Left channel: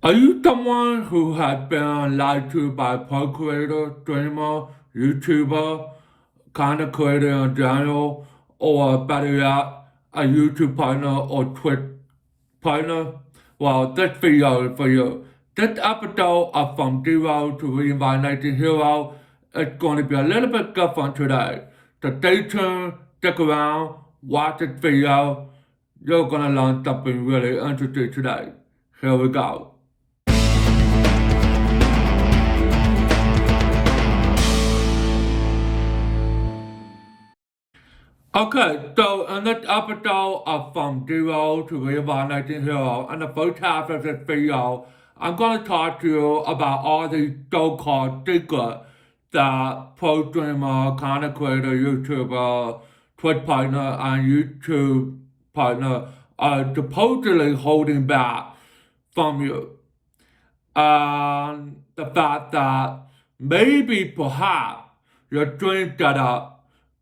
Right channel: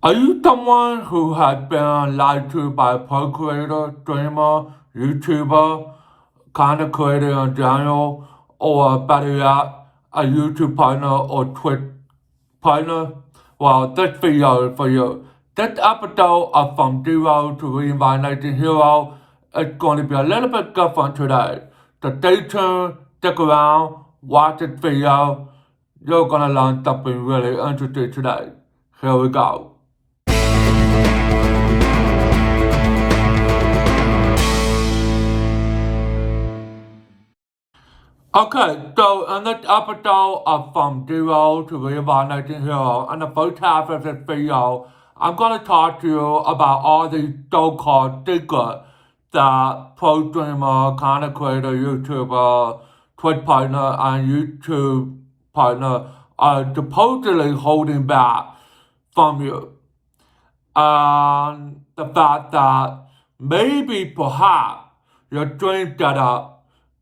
Are you someone who has been lied to by a pro creator, streamer, YouTuber, content creator in general, or better yet, a YouTube partner or Twitch partner? Well, this video is for you. This episode of From Zero to Reinvigorating Hero is going to be a little bit different today. So stay tuned, stick around, watch this video. You're going to learn something really interesting today. Here we go. Okay, so in this episode of From Zero to Reinvigorating Hero, in the first half of this video, I'm going to talk to you about all these so-called secrets that pro streamer, content creator, YouTuber, Twitch partner, and YouTube partner are supposedly holding back from you. And the fact that maybe perhaps your dream setup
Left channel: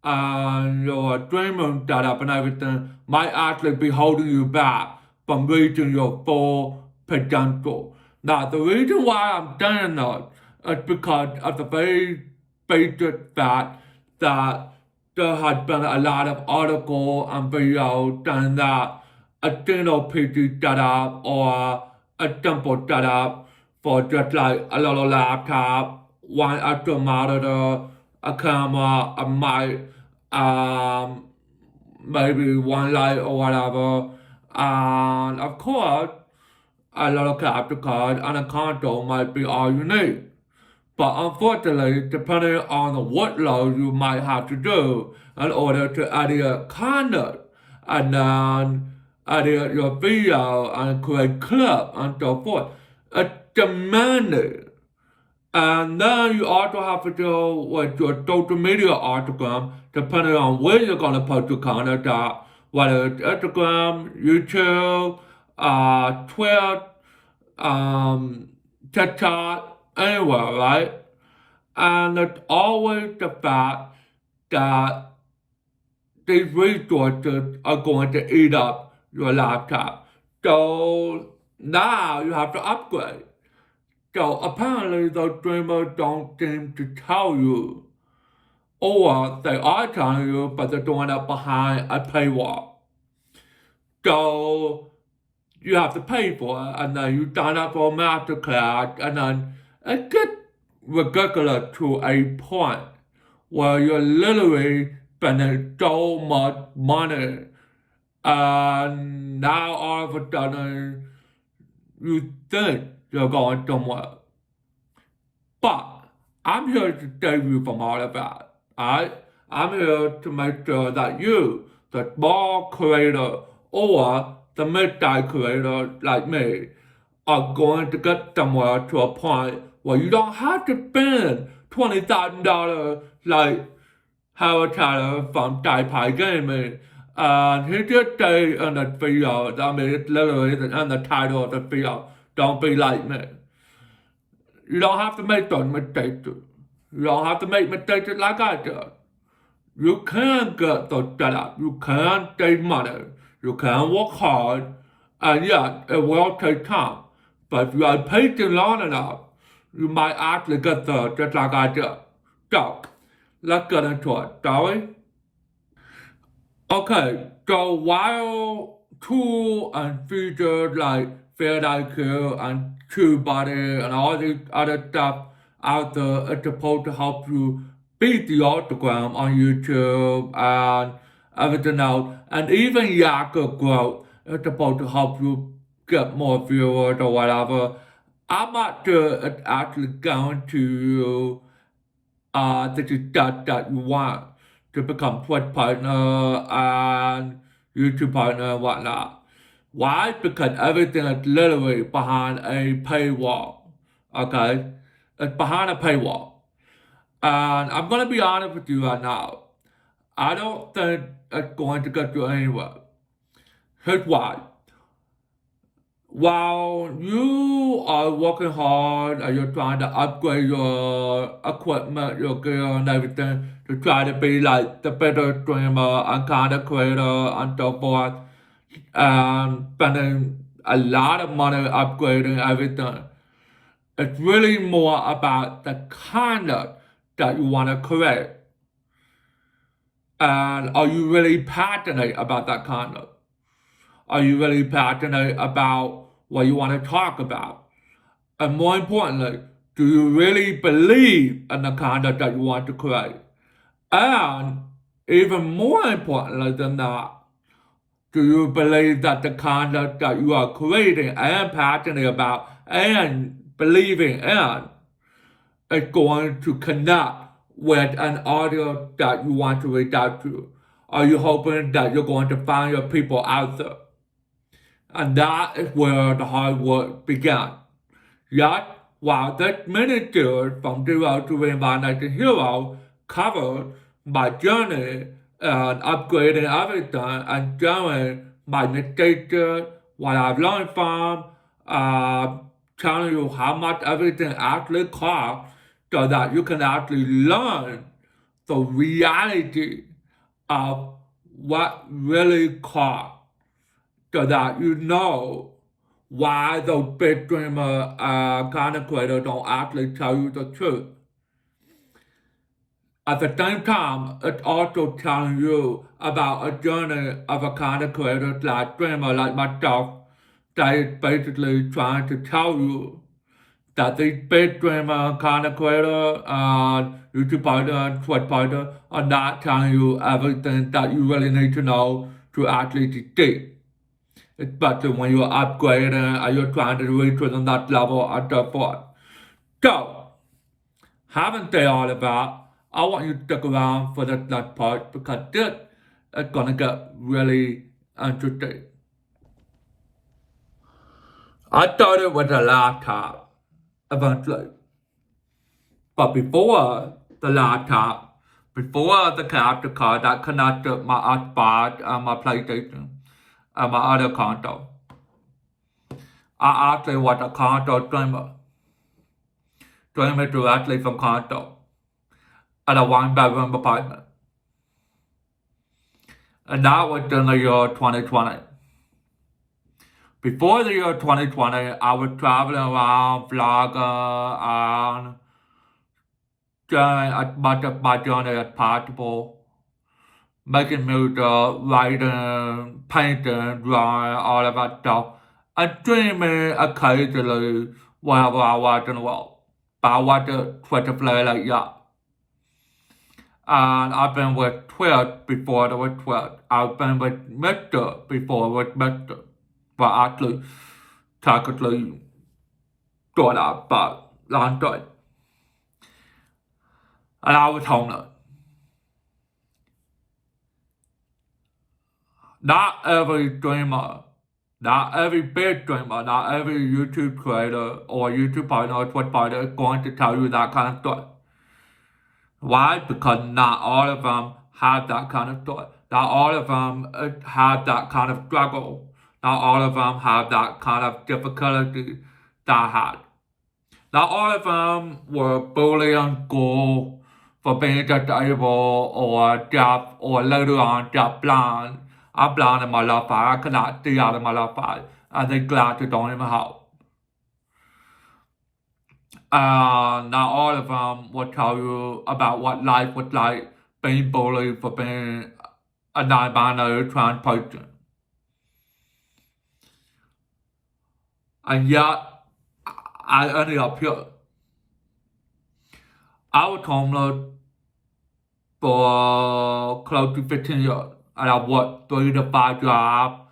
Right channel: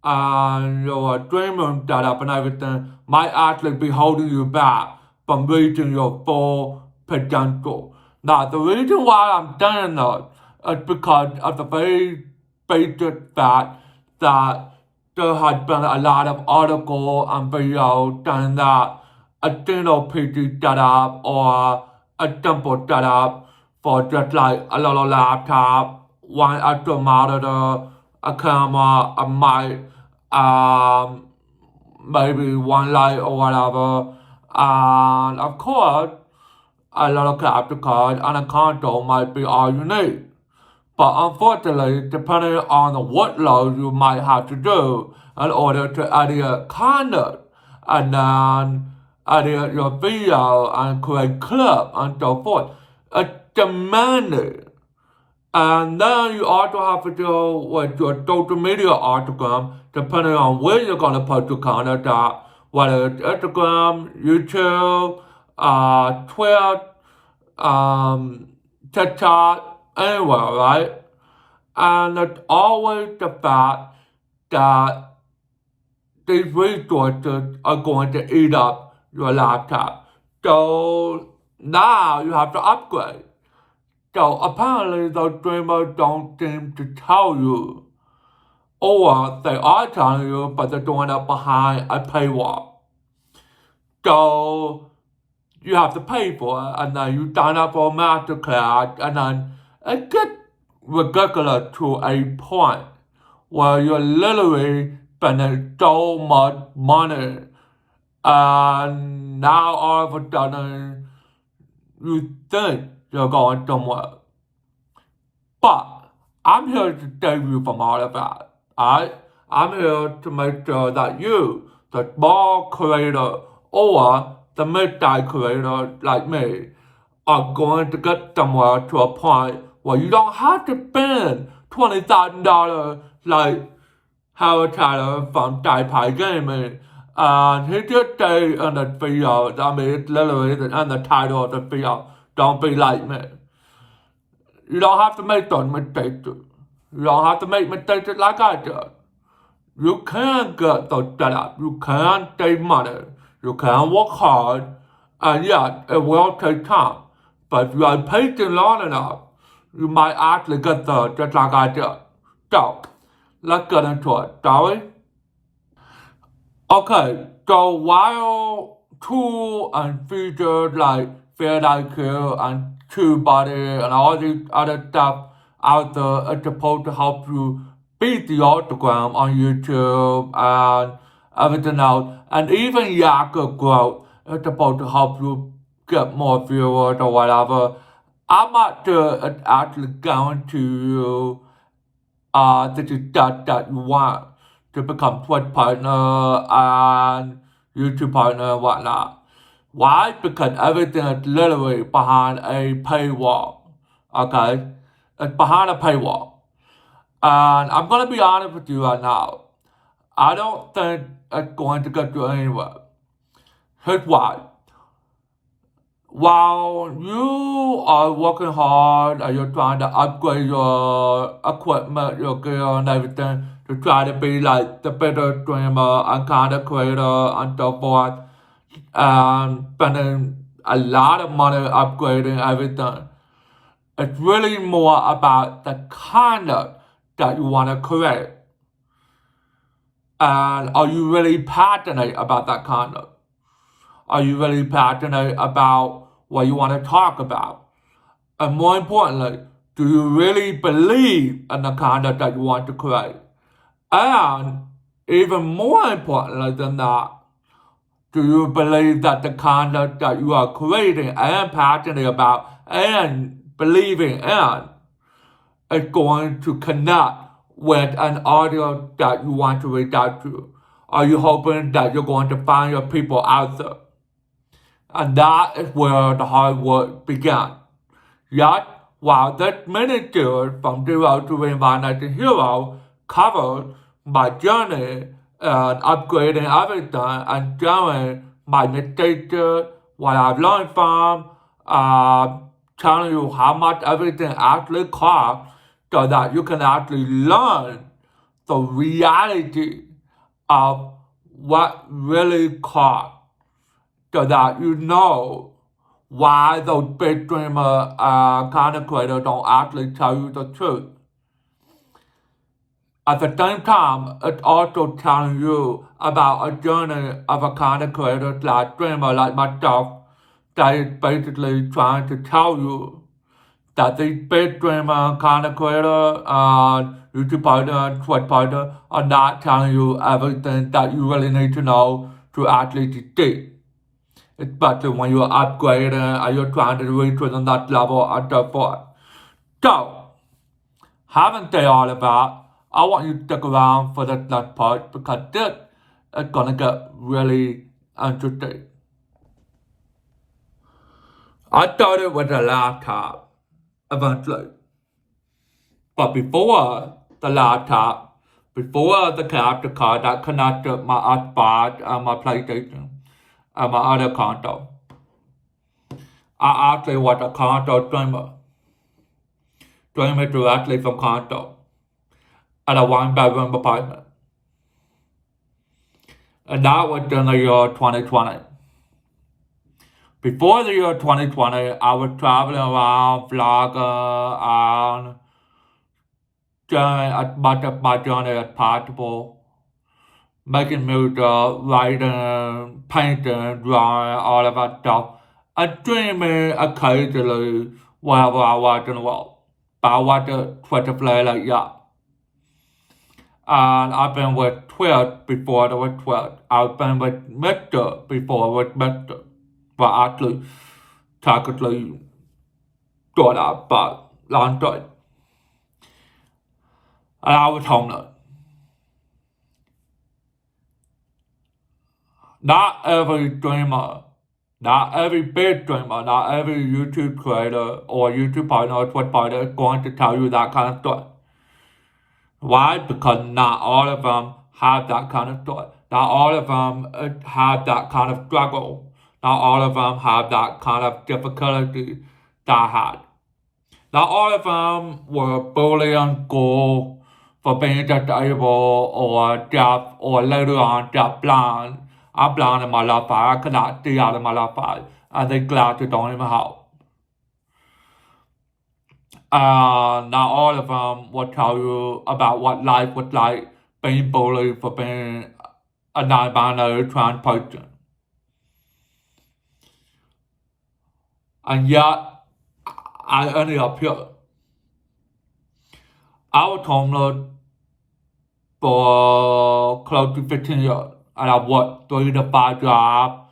and your dream room setup and everything might actually be holding you back from reaching your full potential. Now, the reason why I'm saying that is because of the very basic fact that there has been a lot of articles and videos saying that a single PC setup or a simple setup for just like a little laptop, one extra monitor, a camera, a mic, maybe one light or whatever, and of course, a little capture card and a console might be all you need. But unfortunately, depending on the workload you might have to do in order to edit content and then edit your video and create clip and so forth, it's demanding. And then you also have to deal with your social media Instagram, depending on where you're going to post your content at, whether it's Instagram, YouTube, Twitter, TikTok, anywhere, right? And it's always the fact that these resources are going to eat up your laptop. So now you have to upgrade. So apparently those streamers don't seem to tell you. Or they are telling you, but they're doing it behind a paywall. So you have to pay for it, and then you sign up for a masterclass, and then it gets ridiculous to a point where you're literally spending so much money, and now all of a sudden you think you're going somewhere. But I'm here to save you from all of that. Alright? I'm here to make sure that you, the small creator or the mid-size creator like me, are going to get somewhere to a point where you don't have to spend $20,000 like Howard Tyler from Taipei Gaming. And he did say in the video, I mean, it's literally in the title of the video, don't be like me. You don't have to make those mistakes. You don't have to make mistakes like I did. You can get those set up. You can save money. You can work hard. And yes, it will take time. But if you are patient long enough, you might actually get there just like I did. So, let's get into it, shall we? Okay, so while tools and features like Fair IQ and TubeBuddy and all these other stuff out there is supposed to help you beat the autogram on YouTube and everything else, and even Yakka growth is supposed to help you get more viewers or whatever. I'm not sure it's actually guaranteed you this is that you want to become Twitch partner and YouTube partner and whatnot. Why? Because everything is literally behind a paywall. Okay? It's behind a paywall. And I'm gonna be honest with you right now. I don't think it's going to get you anywhere. Here's why. While you are working hard and you're trying to upgrade your equipment, your gear and everything to try to be like the better streamer and content creator and so forth, and spending a lot of money upgrading everything. It's really more about the conduct that you want to create. And are you really passionate about that conduct? Are you really passionate about what you want to talk about? And more importantly, do you really believe in the conduct that you want to create? And even more importantly than that, do you believe that the conduct that you are creating and passionate about and believing in is going to connect with an audience that you want to reach out to? Are you hoping that you're going to find your people out there? And that is where the hard work began. Yet, while this mini series from Zero to Reincarnating Hero covered my journey and upgrading everything and showing my mistakes, what I've learned from, telling you how much everything actually costs so that you can actually learn the reality of what really costs so that you know why those big dreamer content creators don't actually tell you the truth. At the same time, it's also telling you about a journey of a content creator like dreamer like myself that is basically trying to tell you that these big dreamer content creator, YouTube partner, Twitch partner are not telling you everything that you really need to know to actually succeed. Especially when you're upgrading and you're trying to reach to the next level and so forth. So, having said all of that, I want you to stick around for this next part because this is gonna get really interesting. I started with a laptop eventually. But before the laptop, before the capture card that connected my Xbox and my PlayStation and my other console, I actually was a console streamer. Streaming directly from console at a one-bedroom apartment. And that was in the year 2020. Before the year 2020, I was traveling around, vlogging, and doing as much of my journey as possible, making music, writing, painting, drawing, all of that stuff, and streaming occasionally wherever I was in the world. But I wasn't Twitter player like that. And I've been with Twitch before there was Twitch. I've been with Mr. before with Mr. Well, actually, technically, thought out, but long time. And I was homeless. Not every streamer, not every big streamer, not every YouTube creator or YouTube partner or Twitch partner is going to tell you that kind of stuff. Why? Because not all of them have that kind of thought. Not all of them have that kind of struggle. Not all of them have that kind of difficulty that I had. Not all of them were bullied in school for being disabled or deaf or later on deaf-blind. I'm blind in my left eye. I cannot see out of my left eye. And the glasses don't even help. Not all of them will tell you about what life was like being bullied for being a non-binary trans person. And yet, I ended up here. I was homeless for close to 15 years. And I worked 3 to 5 jobs,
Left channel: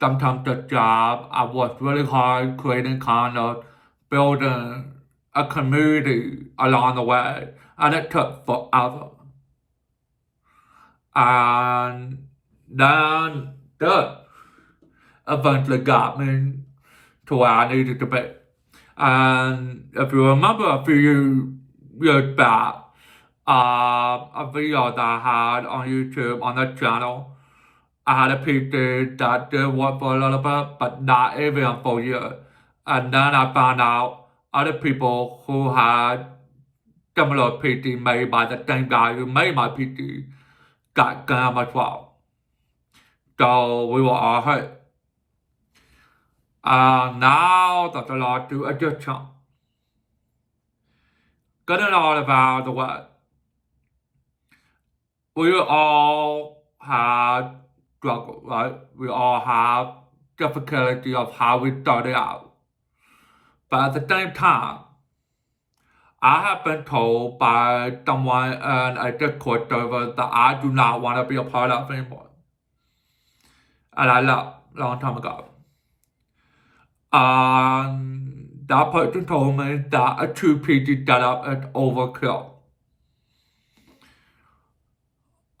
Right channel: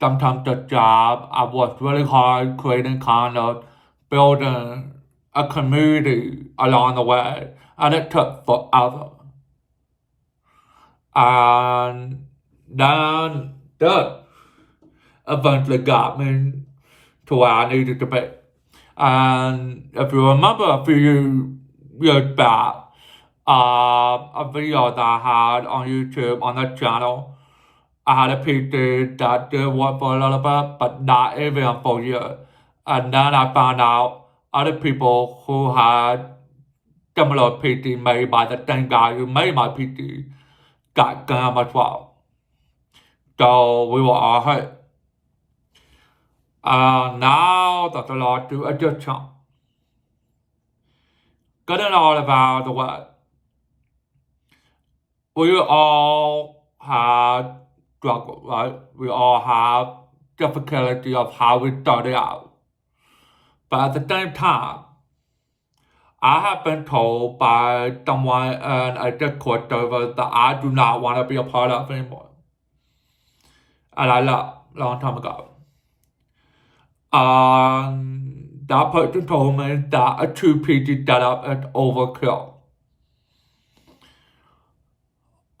sometimes a job. I worked really hard creating content, building a community along the way, and it took forever. And then that eventually got me to where I needed to be. And if you remember a few years back, a video that I had on YouTube on that channel, I had a PT that did work for a little bit, but not even for a year. And then I found out other people who had similar PT made by the same guy who made my PT got scammed as well. So we were all hurt. Now that the Lord do addiction. Getting all about the word. We all have struggle, right? We all have difficulty of how we started out. But at the same time, I have been told by someone in a Discord server that I do not want to be a part of anymore. And I left a long time ago. That person told me that a 2 PC setup is overkill.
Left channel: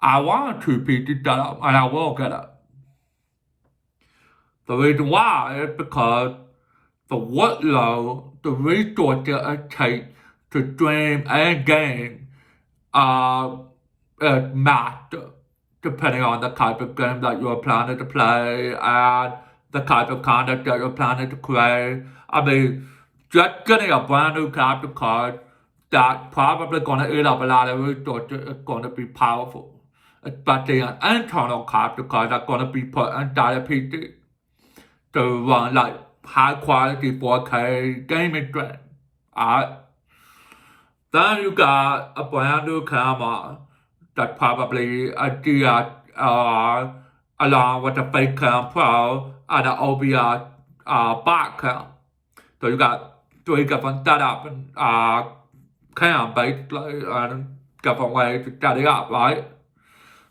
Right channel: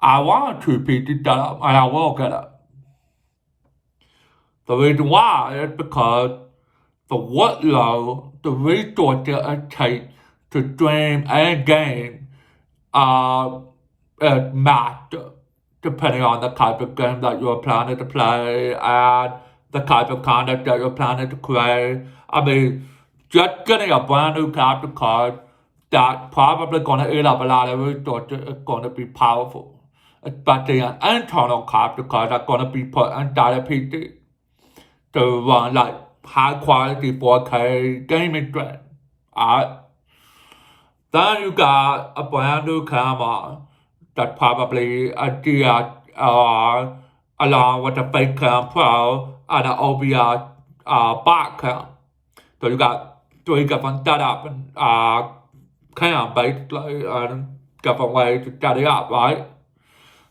I want a 2 PC setup and I will get it. The reason why is because the workload, the resources it takes to stream a game is massive, depending on the type of game that you're planning to play and the type of content that you're planning to create. I mean, just getting a brand new capture card that's probably going to eat up a lot of resources is going to be powerful, especially an internal capture card that's going to be put inside a PC to run like high quality 4K gaming stream. Alright. Then you got a brand new camera that's probably a DSLR along with a Facecam Pro and an OBS back cam. So you got 3 different setups and cam basically and different ways to set it up, right?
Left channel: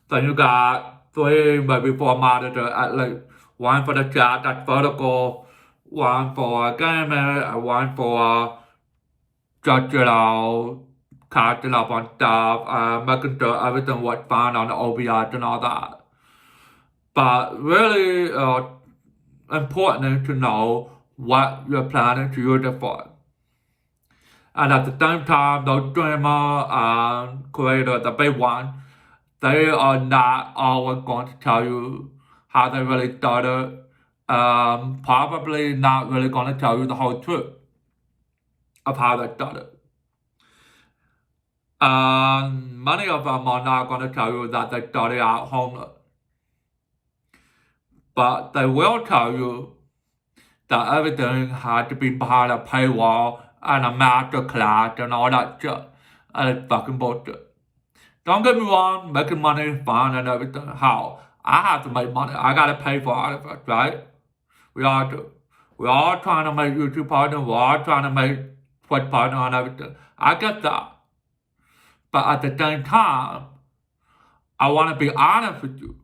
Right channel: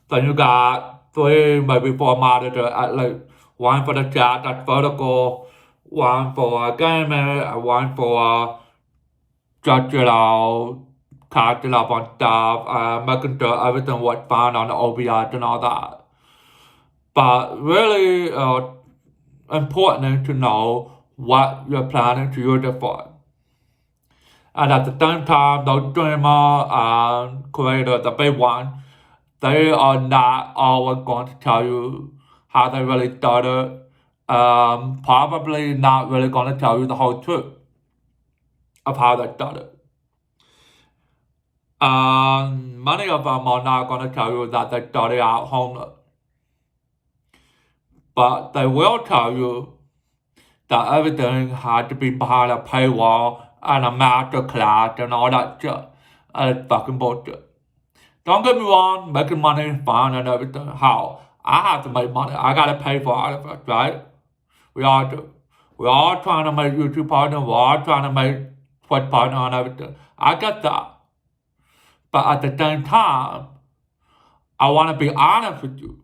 Then you got 3, maybe 4 monitors at least. One for the chat that's vertical, one for gaming, and one for just, catching up on stuff, making sure everything was fine on the OBS and all that. But really important to know what you're planning to use it for. And at the same time, those streamers and creators, the big ones, they are not always going to tell you how they really started. Probably not really going to tell you the whole truth of how they started. Many of them are not going to tell you that they started out homeless. But they will tell you that everything had to be behind a paywall and a master class and all that shit. And it's fucking bullshit. Don't get me wrong, making money is fun and everything. How? I have to make money. I gotta pay for all of it, right? We all do. We're all trying to make YouTube partner. We're all trying to make Twitch partner and everything. I get that. But at the same time, I want to be honest with you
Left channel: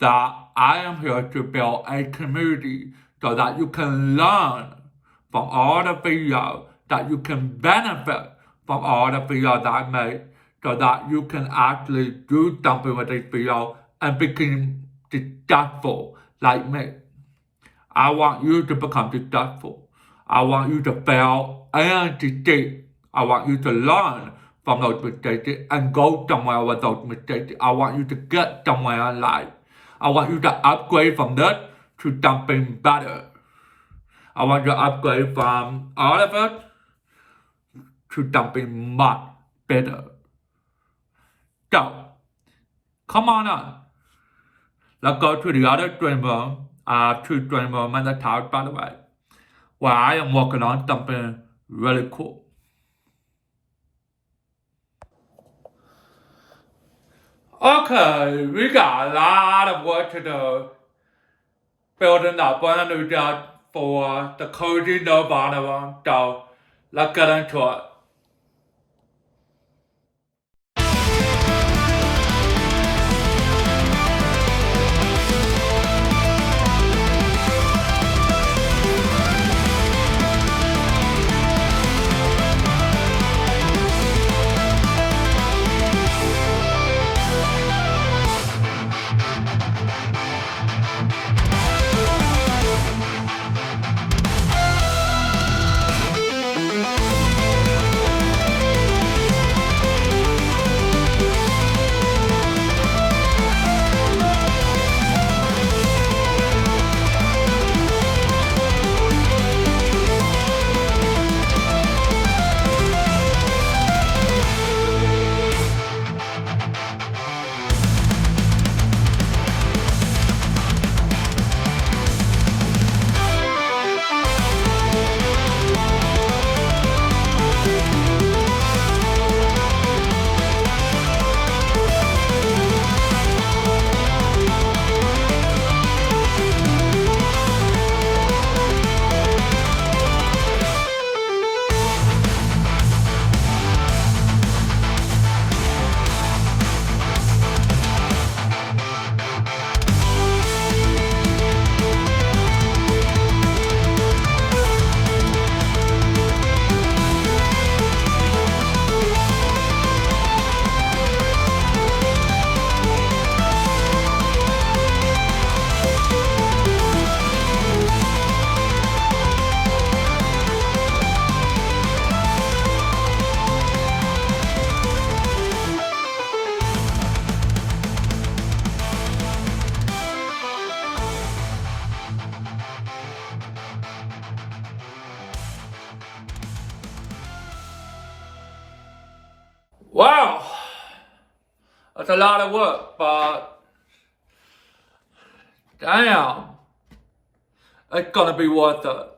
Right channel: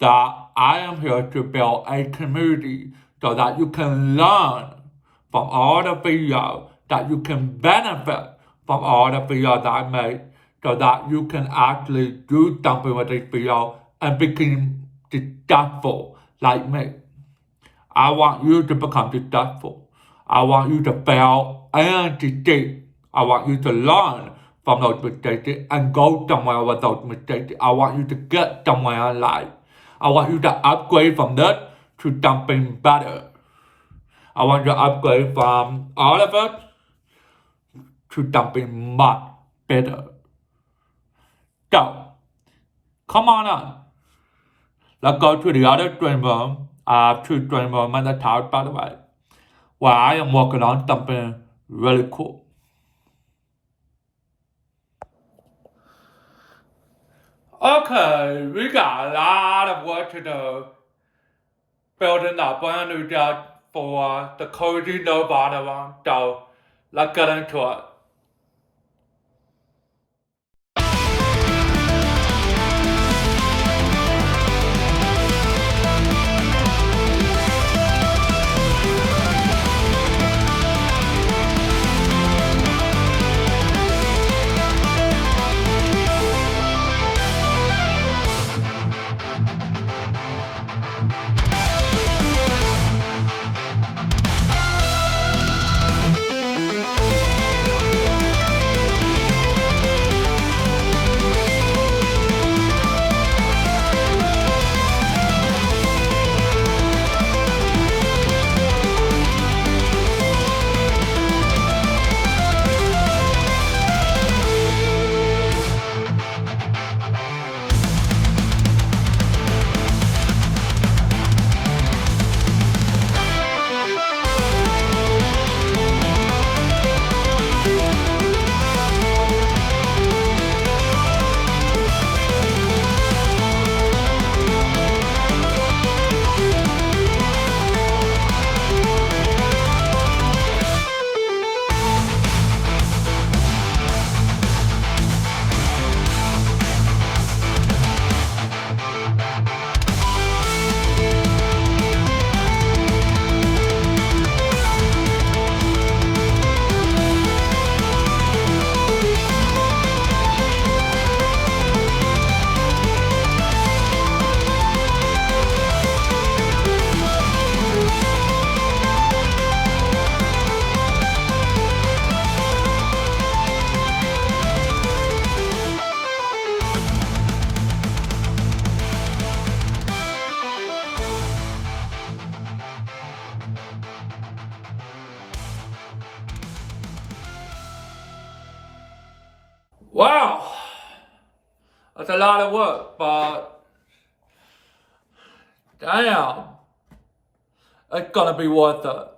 that I am here to build a community so that you can learn from all the videos, that you can benefit from all the videos that I make, so that you can actually do something with this video and become successful like me. I want you to become successful. I want you to fail and succeed. I want you to learn from those mistakes and go somewhere with those mistakes. I want you to get somewhere in life. I want you to upgrade from this to something better. I want you to upgrade from all of it to something much better. So, come on on. Let's go to the other streamer, 2 streamer minutes house, by the way, where I am working on something really cool. Okay, we got a lot of work to do building a brand new job for the Cozy Nirvana one, so let's get into it. Wow, that's a lot of work, but damn, it's gonna be worth it.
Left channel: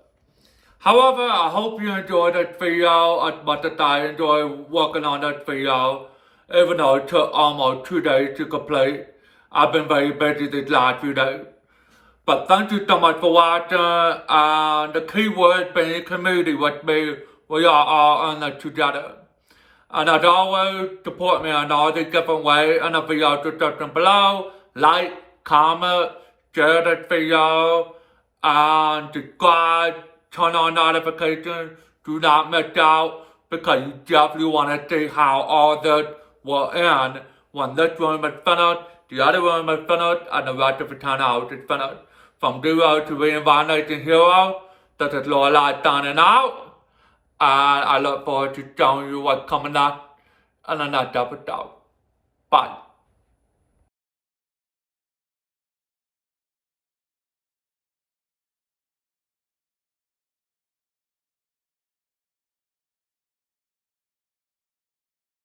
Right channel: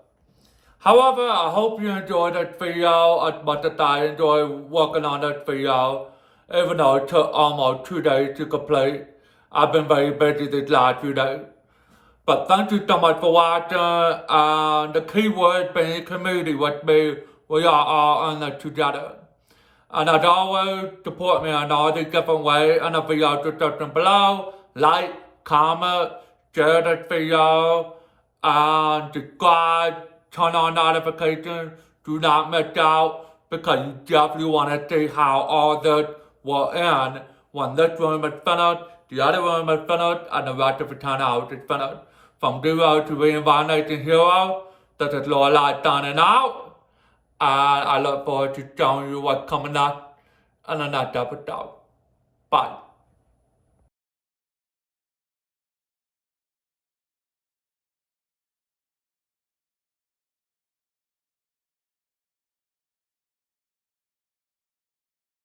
However, I hope you enjoyed that video as much as I enjoyed working on that video, even though it took almost 2 days to complete. I've been very busy these last few days. But thank you so much for watching, and the key word being community with me. We are all in it together. And as always, support me in all these different ways in the video description below. Like, comment, share this video, and subscribe, turn on notifications. Do not miss out, because you definitely want to see how all this will end when this room is finished, the other room is finished, and the rest of the townhouse is finished. From zero to reincarnation hero, this is Lorelai signing out. And I look forward to showing you what's coming up in the next episode. Bye.